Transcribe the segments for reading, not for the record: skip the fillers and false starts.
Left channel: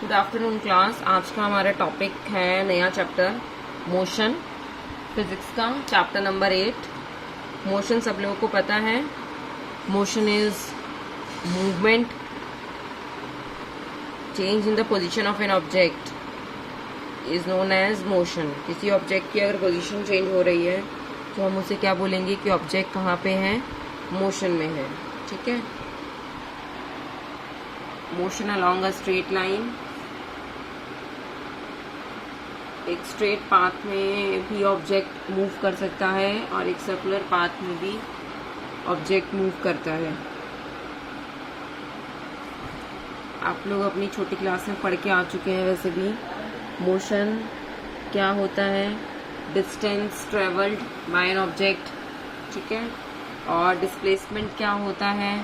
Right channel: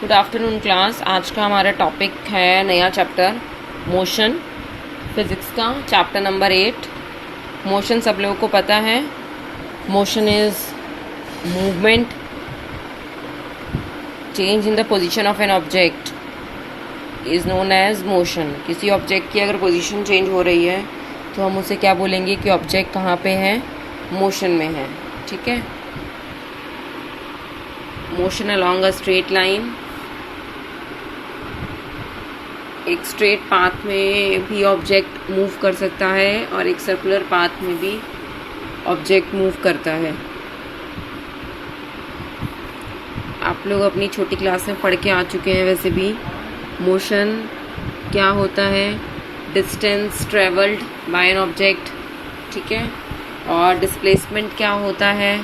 Good afternoon class. आज का हमारा टॉपिक है नया चैप्टर मोशन, फिजिक्स का चैप्टर नंबर 8। मोशन सब लोगों को पता है। Motion is movement, change in the position of an object is known as motion. किसी ऑब्जेक्ट की अगर पोजीशन चेंज हो रही है तो हम उसे क्या बोलेंगे कि ऑब्जेक्ट कहाँ पे है, मोशन में है। ठीक है। Motion along a straight line, एक स्ट्रेट पाथ में भी ऑब्जेक्ट मूव कर सकता है और एक सर्कुलर पाथ में भी ऑब्जेक्ट मूव करता है। आप लोग अपनी छोटी क्लास में पढ़ के आ चुके हैं वैसे भी। मोशन क्या होता है, distance travelled by an object, ठीक है। और डिस्प्लेसमेंट क्या होता है।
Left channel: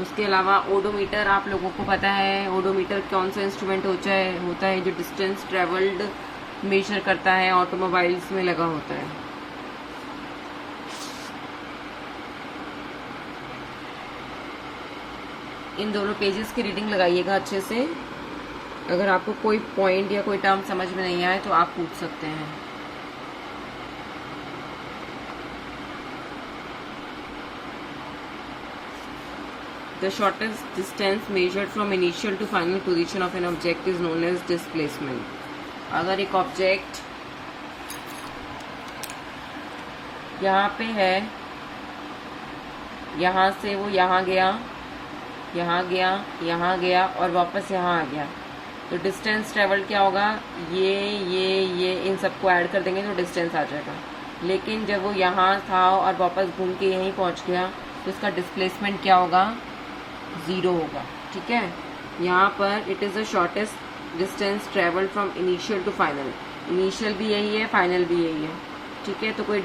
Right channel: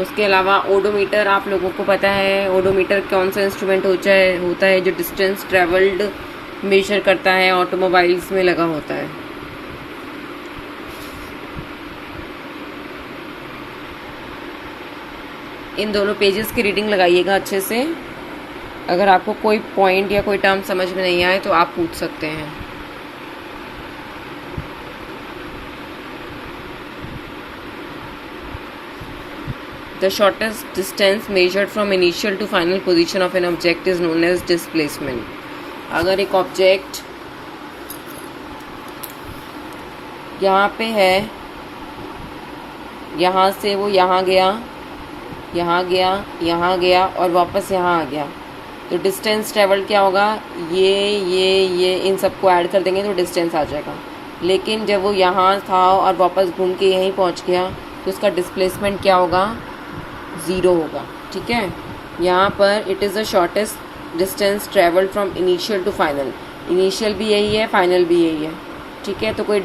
उसके अलावा ओडोमीटर आप लोगों को पता है। ओडोमीटर कौन सा इंस्ट्रूमेंट होता है जो डिस्टेंस ट्रेवल्ड मेजर करता है, ऑटोमोबाइल्स में लगा होता है। इन दोनों पेजेस की रीडिंग लगाइएगा अच्छे से। अगर आपको कोई पॉइंट या कोई टर्म समझ में नहीं आए तो आप पूछ सकते हैं। The shortest distance measured from initial to final position of an object is known as displacement. अगर एक ऑब्जेक्ट यहाँ पे है, यहाँ से वो यहाँ गया, यहाँ गया, यहाँ गया और वापस यहाँ आ गया, तो डिस्टेंस ट्रेवल क्या होगा, ये इन सबको ऐड कर देंगे तो डिस्टेंस आ जाएगा। लेकिन जब वो यहाँ था और वापस घूम के यहीं पहुँच गया तो उसका डिस्प्लेसमेंट क्या होगा, 0 होगा। ठीक है। यहाँ पर it is the shortest distance travelled from initial to final. Initial भी यही है, फाइनल भी यही है। ठीक है। तो कोई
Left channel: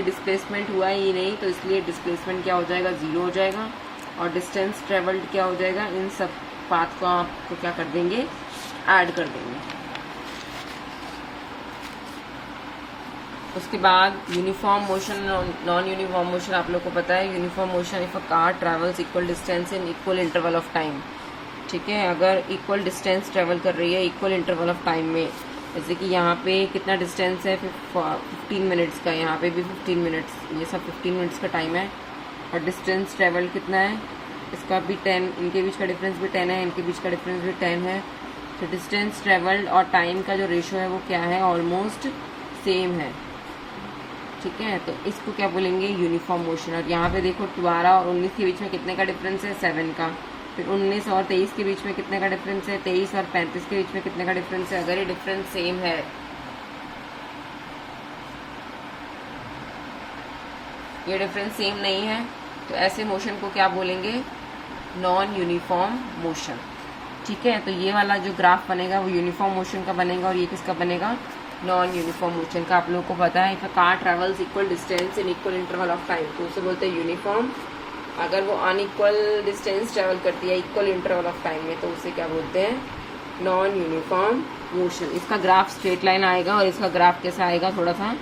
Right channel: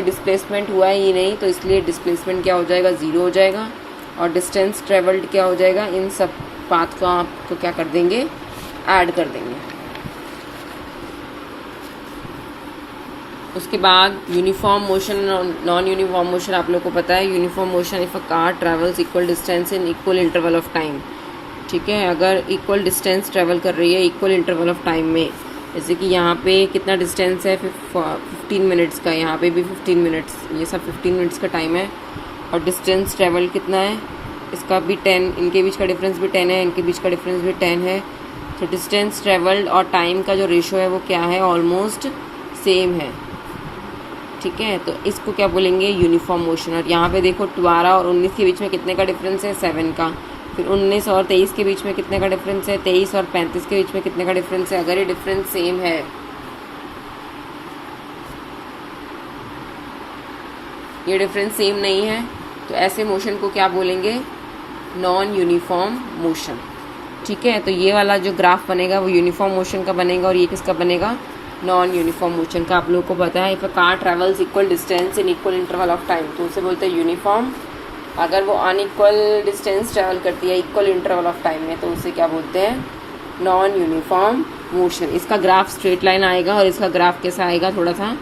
डिस्प्लेसमेंट हुआ ही नहीं, तो इसलिए डिस्प्लेसमेंट क्या हो जाएगा, 0 हो जाएगा। और डिस्टेंस ट्रेवल्ड क्या हो जाएगा, इन सब पाथ को आपको क्या कर देंगे, ऐड कर देंगे। उसके बाद uniform motion, non uniform motion आप लोग को पता है। Uniform motion if a car travels equal distance in equal interval of time. ठीक है। अगर इक्वल डिस्टेंस ट्रेवल कर रही है इक्वल इंटरवल ऑफ टाइम में, जैसे कि यहाँ पे कितना डिस्टेंस है, 15 मिनट्स का, यहाँ पे भी 15 मिनट्स, ये सब 15 मिनट्स का टाइम है। और डिस्टेंस ट्रेवल कितना है, इसका भी 10, इनके बीच का डिफरेंस भी 10 है, इनके बीच का डिफरेंस भी 10 है। तो डिस्टेंस ट्रेवल्ड और टाइम का जो रेशो है वो क्या है, ऑलमोस्ट सेम है। ठीक है। तो इसको क्या बोलेंगे, यूनिफॉर्म मोशन। और यहाँ पे देखो 12 और 19 के बीच में कितने का डिफरेंस है, 7 का। फिर 19 और 23 के बीच में कितने का डिफरेंस है, 23 और 35 के बीच में कितने का डिफरेंस है। अगर ये डिफरेंस सेम है, ये डिफरेंस सेम नहीं है, तो ऐसे मोशन को क्या बोलेंगे, नॉन यूनिफॉर्म मोशन। ठीक है। तो ये वाला जो ग्राफ बनेगा वो यूनिफॉर्म मोशन का बनेगा और ये किसका बनेगा, नॉन यूनिफॉर्म मोशन का। आप लोगों को पता है, if a car travels equal distance in equal interval of time, तो उसे बोलते हैं यूनिफॉर्म। अगर वो अनइक्वल डिस्टेंस ट्रेवल करती है इक्वल इंटरवल ऑफ टाइम में, तो उसे क्या बोलते हैं, नॉन यूनिफॉर्म मोशन। इसका ग्राफ स्ट्रेट लाइन आएगा और इसका ग्राफ कैसा आएगा, थोड़ा सा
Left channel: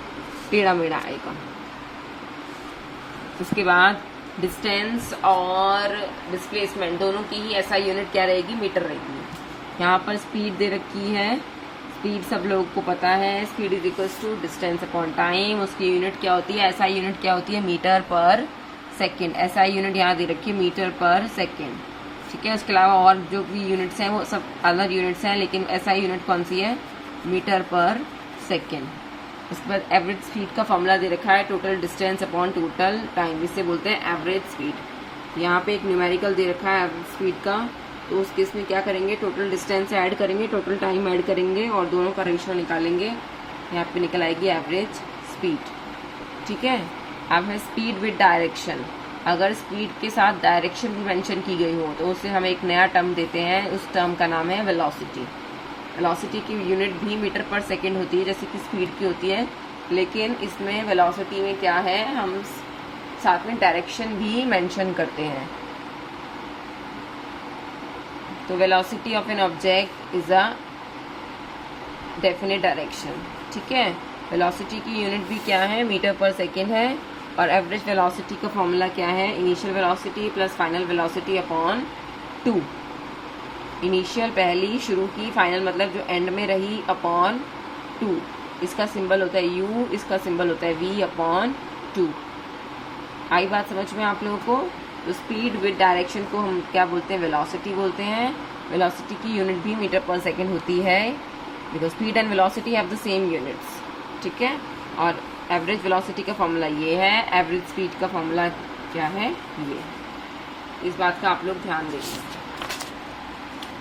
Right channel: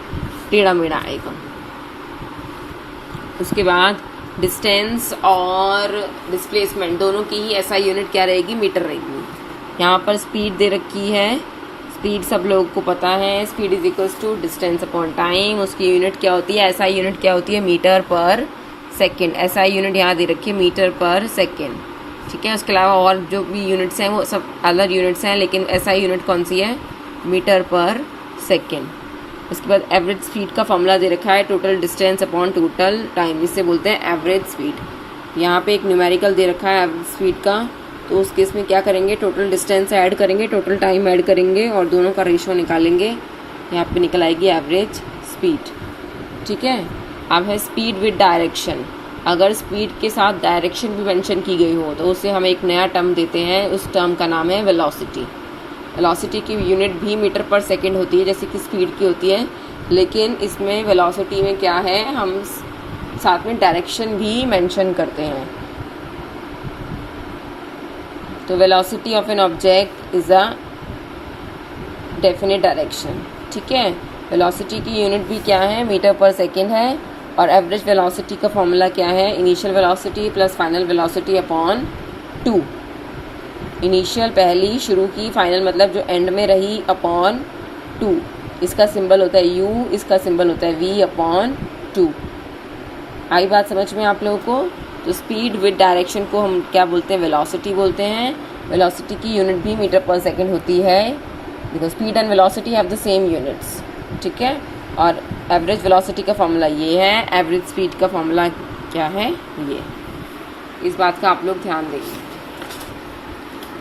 टेढ़ा मेढ़ा आएगा। उसके बाद डिस्टेंस और डिस्प्लेसमेंट दोनों की ही ऐसा यूनिट क्या रहेगी, मीटर रहेगी। यहाँ पर स्पीड दे रखी है, स्पीड सब लोगों को पता है, speed is equals to distance upon time. उसकी यूनिट क्या होती है, ऐसा यूनिट क्या होती है, मीटर पर सेकेंड। ऐसा यूनिट यहाँ दे रखी है, मीटर पर सेकेंड। ठीक है। उसके अलावा और जो भी यूनिट्स हैं वो सब अलग यूनिट्स हैं, लेकिन ऐसा यूनिट कौन सी है, मीटर पर सेकेंड। उसके बाद एवरेज स्पीड का फॉर्मूला दे रखा है, total distance upon total time, इससे बोलते हैं एवरेज स्पीड। यहाँ पे एक न्यूमेरिकल दे रखा है एवरेज स्पीड का, तो उस केस में क्या करेंगे, टोटल डिस्टेंस ऐड करेंगे, टोटल टाइम ऐड करेंगे और दोनों का रेशो निकालेंगे। यहाँ पे निकल आएगी एवरेज स्पीड। ठीक है। अब है स्पीड विद डायरेक्शन। अगर स्पीड के साथ डायरेक्शन भी मेंशन की गई हो तो उसे हम एक नया टर्म देते हैं, उस टर्म का नाम है वेलोसिटी। वेलोसिटी की यूनिट भी मीटर पर सेकंड होती है जैसे कि स्पीड की होती है, लेकिन इसमें वेलोसिटी में क्या है, हम साथ में डायरेक्शन भी मेंशन करते हैं। तो velocity of an object is a definite direction. ठीक है। वेलोसिटी की यूनिट भी क्या है, मीटर पर सेकेंड है। और एवरेज वेलोसिटी का फॉर्मूला क्या है, initial velocity plus final velocity upon 2। Initial पहली, शुरू की, फाइनल मतलब जो एंड में रही, अपॉन 2। इसका सिंबल होता है u, इसका सिंबल होता है v अपॉन 2। आई बात समझ में आप लोगों को? तो स्पीड विद डायरेक्शन को हम क्या बोलते हैं? वेलोसिटी बोलते हैं। वेलोसिटी की यूनिट भी मीटर पर सेकेंड होती है, because speed and velocity have the same units, ठीक है। और एवरेज वेलोसिटी का फॉर्मूला ये है, एवरेज स्पीड का फॉर्मूला क्या है? ये। इस बात का आप लोग ध्यान देंगे।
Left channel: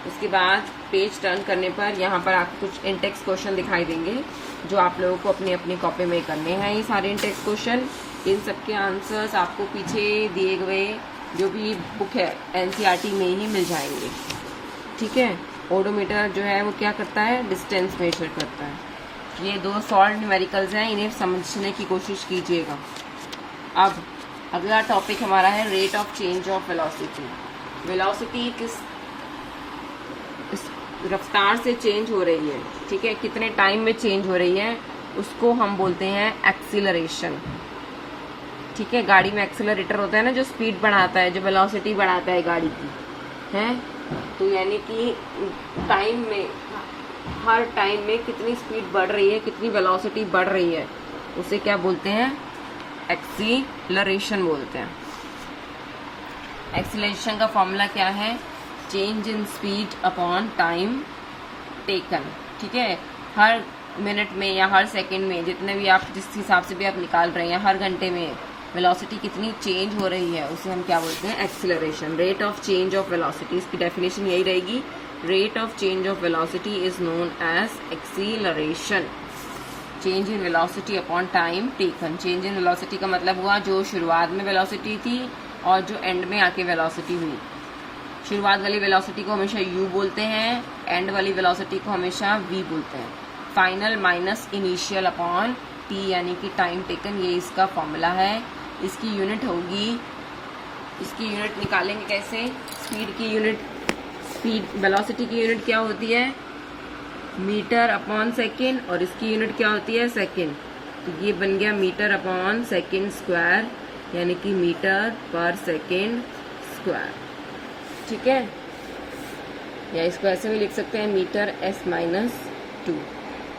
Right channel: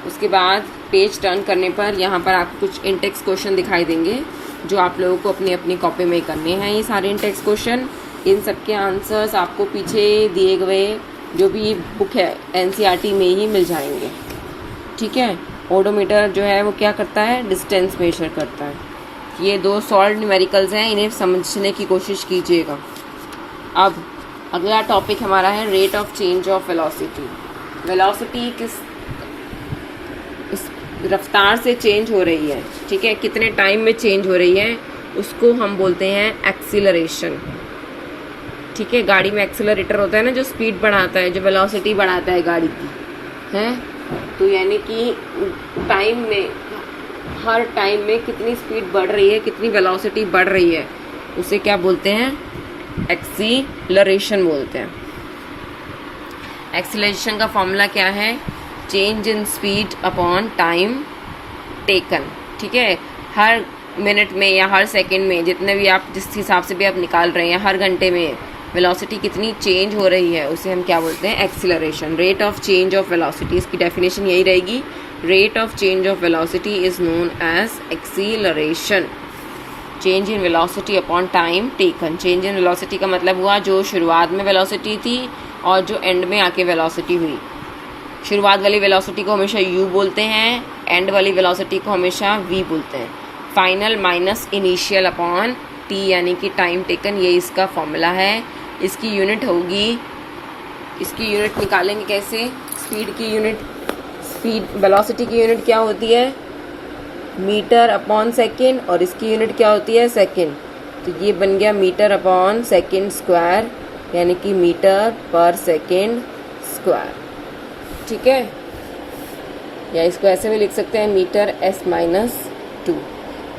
उसके बाद पेज टर्न करने पर यहाँ पर आपको कुछ इंटेक्स क्वेश्चन दिखाई देंगे, जो आप लोगों को अपनी अपनी कॉपी में करने हैं। ये सारे इंटेक्स क्वेश्चन, इन सब के आंसर्स आपको पीछे दिए गए जो भी बुक है एनसीईआरटी में ही मिल जाएंगे, ठीक है। ओडोमीटर जो है वो क्या करता है? डिस्टेंस मेजर करता है। ये 2 सॉल्व न्यूमेरिकल्स हैं, इन्हें समझने की कोशिश कीजिएगा। अब अगला टॉपिक हमारा है rate of change of velocity. Velocity किस रफ्तार से चेंज हो रही है, ठीक है, कितने टाइम में चेंज हो रही है, उसको हम बोलते हैं एक्सीलरेशन, ठीक है। गाड़ी में एक्सीलरेटर होता है ना, जो स्पीड बढ़ाता है, जो वेलोसिटी बढ़ाता है गाड़ी की, है। तो यानी कि टाइम में, हर टाइम में कितनी स्पीड बढ़ रही है, कितनी वेलोसिटी बढ़ रही है, उसे क्या बोलते हैं? एक्सीलरेशन बोलते हैं। एक्सीलरेशन का फॉर्मूला क्या है? Change in speed upon time taken, ठीक है। हर मिनट में या हर सेकंड में, जितने भी आप जिस हिसाब से भी आप निकाल रहे हैं, हर घंटे में वेलोसिटी कितनी चेंज हो रही है, उसे हम क्या बोलते हैं? Acceleration. Rate of change of velocity, इसकी डेफिनेशन यही रहेगी, rate of change of velocity is known as acceleration. Change in velocity upon time taken. Change in velocity का मतलब हुआ जो शुरुआत में वेलोसिटी थी और जो एंड में आके वेलोसिटी हुई। शुरुआत वाली वेलोसिटी को हमेशा u बोलते हैं, एंड वाली वेलोसिटी को हमेशा v बोलते हैं। Final minus initial upon t, यानी कि टाइम टेकन, ये इसका फॉर्मूला है। इसकी यूनिट होगी, इसकी यूनिट निकालेंगे कैसे? स्पीड की यूनिट, स्पीड वेलोसिटी की यूनिट क्या होती है? मीटर अपॉन सेकेंड, और इसकी यूनिट क्या होती है? सेकेंड। तो ये बन गया मीटर अपॉन सेकेंड स्क्वायर, यानी कि मीटर पर सेकेंड स्क्वायर, ठीक है। या इसको ऐसे भी लिख सकते हैं, मीटर s-2।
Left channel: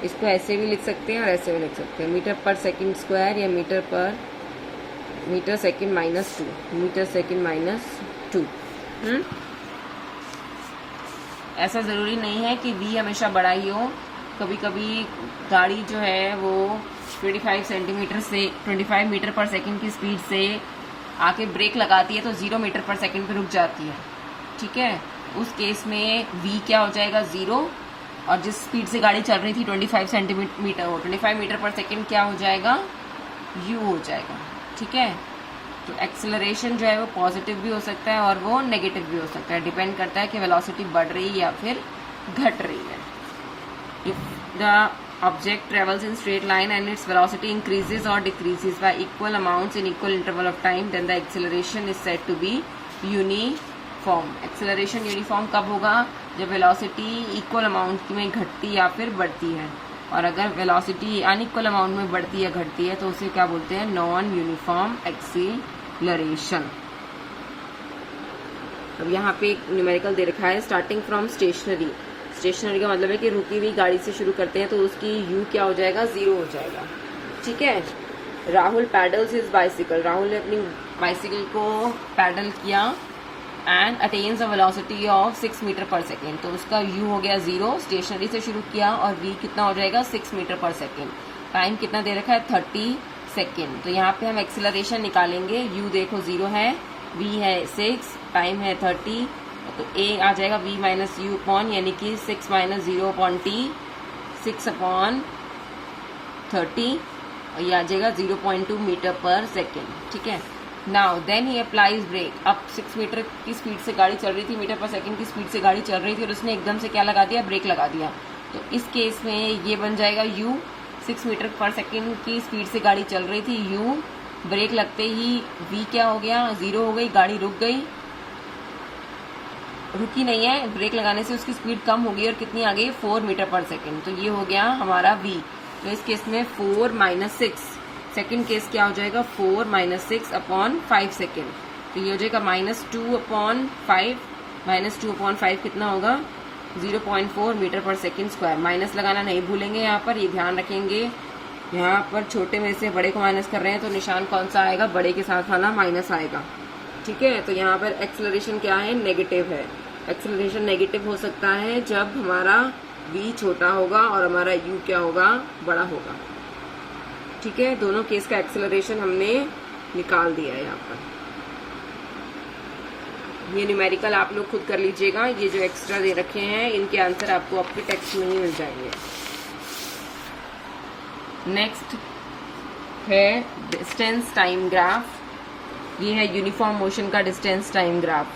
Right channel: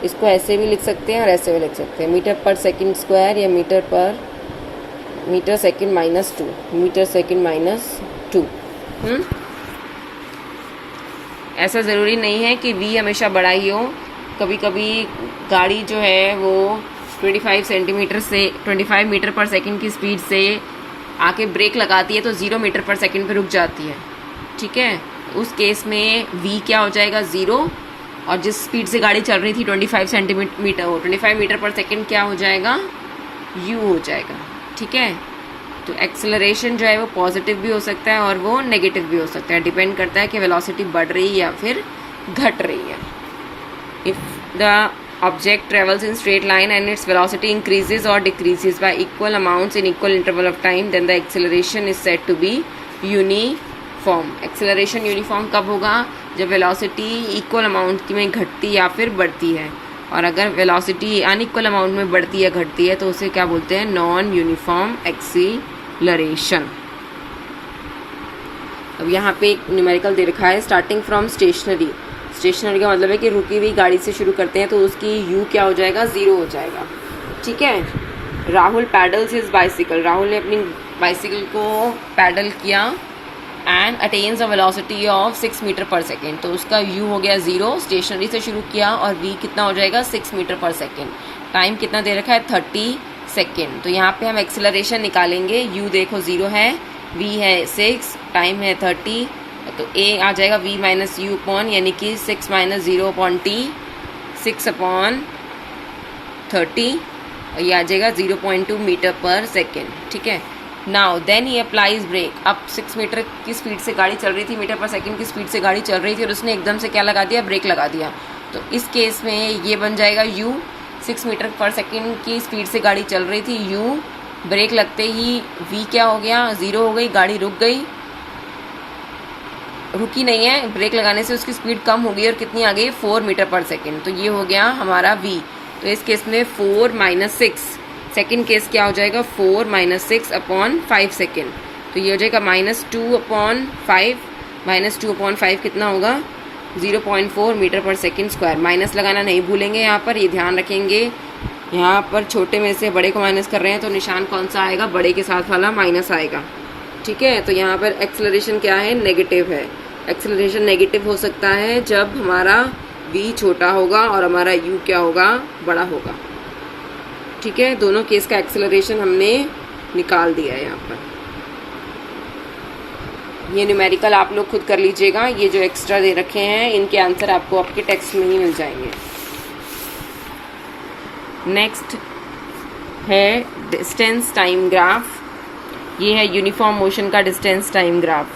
इसको ऐसे भी लिख सकते हैं और ऐसे भी लिख सकते हैं, मीटर पर सेकेंड स्क्वायर या metre second minus 2, metre second minus 2। ऐसा ज़रूरी नहीं है कि v हमेशा बड़ा ही हो। कभी कभी गाड़ी जो है वो 25 मीटर पर सेकेंड की स्पीड से आके ब्रेक लगाती है तो 0 मीटर पर सेकेंड पे रुक जाती है, ठीक है। उस केस में v क्या हो जाएगा? 0, और जिस स्पीड से गाड़ी चल रही थी 25 मीटर पर सेकेंड क्या हो जाएगा? u हो जाएगा, ठीक है। तो एक्सेलरेशन जो है वो पॉजिटिव भी हो सकता है और वो नेगेटिव भी हो सकता है, डिपेंड करता है कि वेलोसिटी बढ़ रही है या फिर घट रही है। If the object travels in straight line and its velocity increases or decreases by equal amounts in equal interval of time, then the acceleration is said to be uniform. acceleration uniform कब होगा? जब velocity equal amount में घटती या फिर बढ़ती है, और अगर velocity unequal amount में बढ़ती या घटती है तो उसे क्या बोलते हैं? Non uniform acceleration. अब यहाँ पे एक न्यूमेरिकल दे रखा है, स्टार्टिंग फ्रॉम स्टेशनरी। स्टेशनरी का मतलब है कि रुकी हुई गाड़ी से शुरू करते हैं तो उसकी u क्या हो जाएगा? 0 हो जाएगा, ठीक है। Rahul pedals his bicycle. Rahul ने अपनी बाइसिकल को पैडल किया and attains a velocity of 6 metre per second, तो उसका u हो गया 0। स्टेशनरी से शुरू किया और v कितना हो जाएगा? 6 मीटर पर सेकेंड। टाइम कितना दे रखा है? 30 सेकेंड। तो यहाँ पे हम एक्सेलरेशन निकालेंगे। u देखो 0 है, v है 6, टाइम है 30, तो a आ जाएगा v माइनस यू अपॉन, यानी कि 6 माइनस 0 अपॉन t, 6 अपॉन 30, और ये आ जाएगा 0.2 मीटर पर सेकेंड, ठीक है। Now then he applies brake. अब 6 मीटर की स्पीड से गाड़ी चल रही थी, मीटर पर सेकेंड की स्पीड से गाड़ी चल रही थी और उसने एकदम से क्या लगा दिया? ब्रेक लगा दिया। तो इस केस में ये बन जाएगा u। 6 मीटर पर सेकेंड की स्पीड से गाड़ी चल रही थी, u ब्रेक लगते ही v क्या हो गया? 0 हो गई, गाड़ी रुक गई, रुकी नहीं है, ब्रेक लगाने से उसकी स्पीड कम हो गई और कितनी आ गई? 4 मीटर पर सेकेंड। तो ये हो गया हमारा v। तो इस केस में 4 माइनस 6, सेकेंड केस क्या हो जाएगा? 4 माइनस 6 अपॉन 5 सेकेंड, तो ये हो जाएगा -2 अपॉन 5, -2/5 कितना होगा? 0.4 मीटर पर सेकंड स्क्वायर। माइनस लगाना नहीं भूलेंगे यहाँ पर, ये ध्यान रखेंगे। यहाँ पर छोटे में से बड़े को माइनस कर रहे हैं तो निशान कौन सा आएगा? बड़े के साथ वाला माइनस आएगा। ठीक है, तो यहाँ पर एक्सेलरेशन क्या है? नेगेटिव है। एक्सेलरेशन नेगेटिव हो सकता है जब हमारा v छोटा होगा और हमारा u क्या होगा? बड़ा होगा। ठीक है, दोनों केस का एक्सेलरेशन हमने निकाल दिया है यहाँ पर। ये न्यूमेरिकल आप लोग खुद कर लीजिएगा, ये जो एक्स्ट्रा दे रखे हैं इनके आंसर आपको आपके टेक्स्ट में ही मिल जाएंगे। नेक्स्ट है डिस्टेंस टाइम ग्राफ। ये है यूनिफॉर्म मोशन का डिस्टेंस टाइम ग्राफ,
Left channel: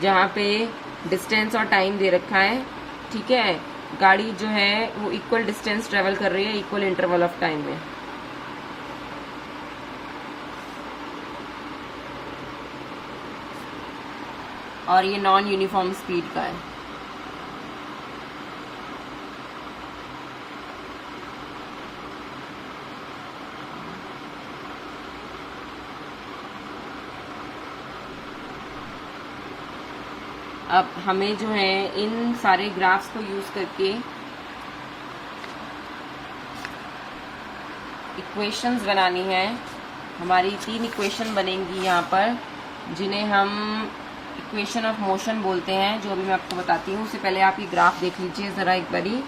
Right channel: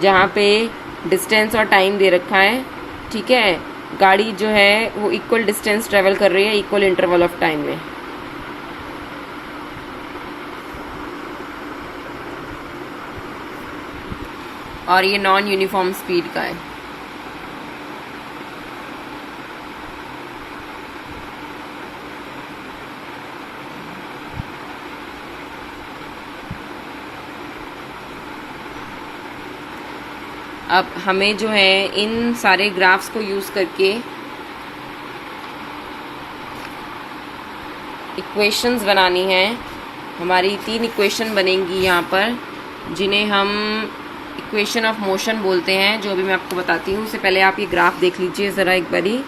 जहाँ पे डिस्टेंस और टाइम दे रखा है। ठीक है, गाड़ी जो है वो इक्वल डिस्टेंस ट्रेवल कर रही है इक्वल इंटरवल ऑफ टाइम में। और ये नॉन यूनिफॉर्म स्पीड का है। अब हमें जो है इन सारे ग्राफ्स को यूज़ करके इक्वेशंस बनानी है। हमारी 3 इक्वेशन बनेंगी यहाँ पर, जिन्हें हम इक्वेशन ऑफ मोशन बोलते हैं, जो अभी मैं आपको बताती हूँ। उससे पहले आप ये ग्राफ देख लीजिए ज़रा एक बारी।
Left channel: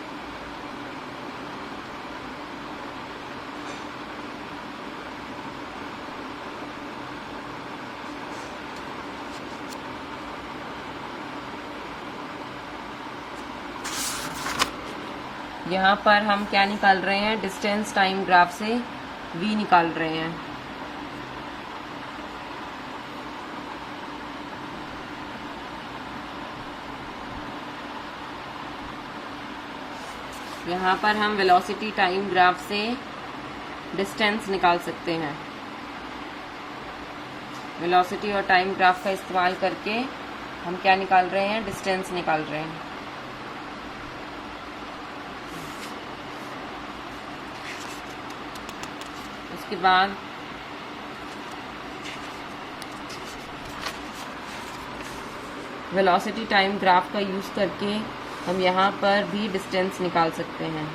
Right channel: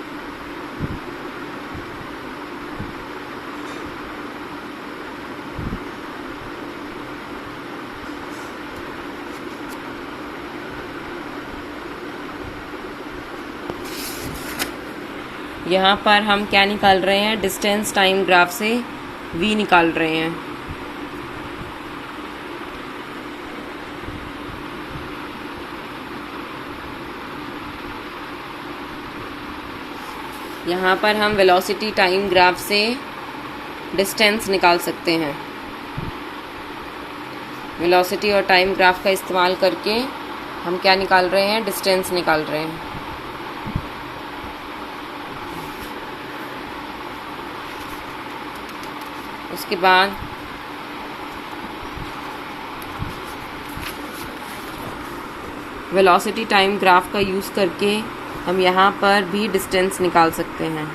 यहाँ पर हम क्या निकाल रहे हैं? डिस्टेंस टाइम ग्राफ से v निकाल रहे हैं। यहाँ पर हम वेलोसिटी टाइम ग्राफ से डिस्टेंस निकाल सकते हैं। वेलोसिटी और टाइम ग्राफ का इस्तेमाल करके हम क्या निकाल रहे हैं? डिस्टेंस निकाल रहे हैं। उसके बाद वेलोसिटी टाइम ग्राफ का यूज़ करके हम यहाँ पर भी डिस्टेंस निकाल सकते हैं।